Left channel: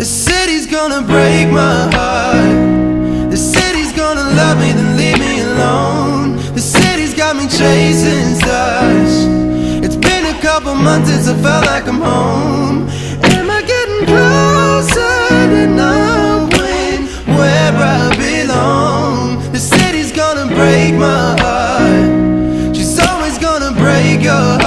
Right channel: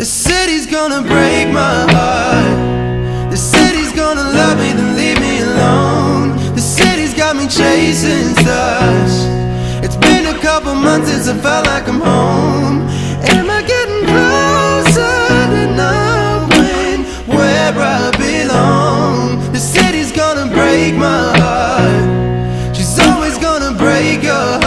The city's gonna break my heart. The city's gonna love me, then leave me alone. The city's got me chasing stars. It's been a couple months since I felt like I'm home. Am I getting closer to knowing where I belong? The city's gonna break my heart. She's always gonna break your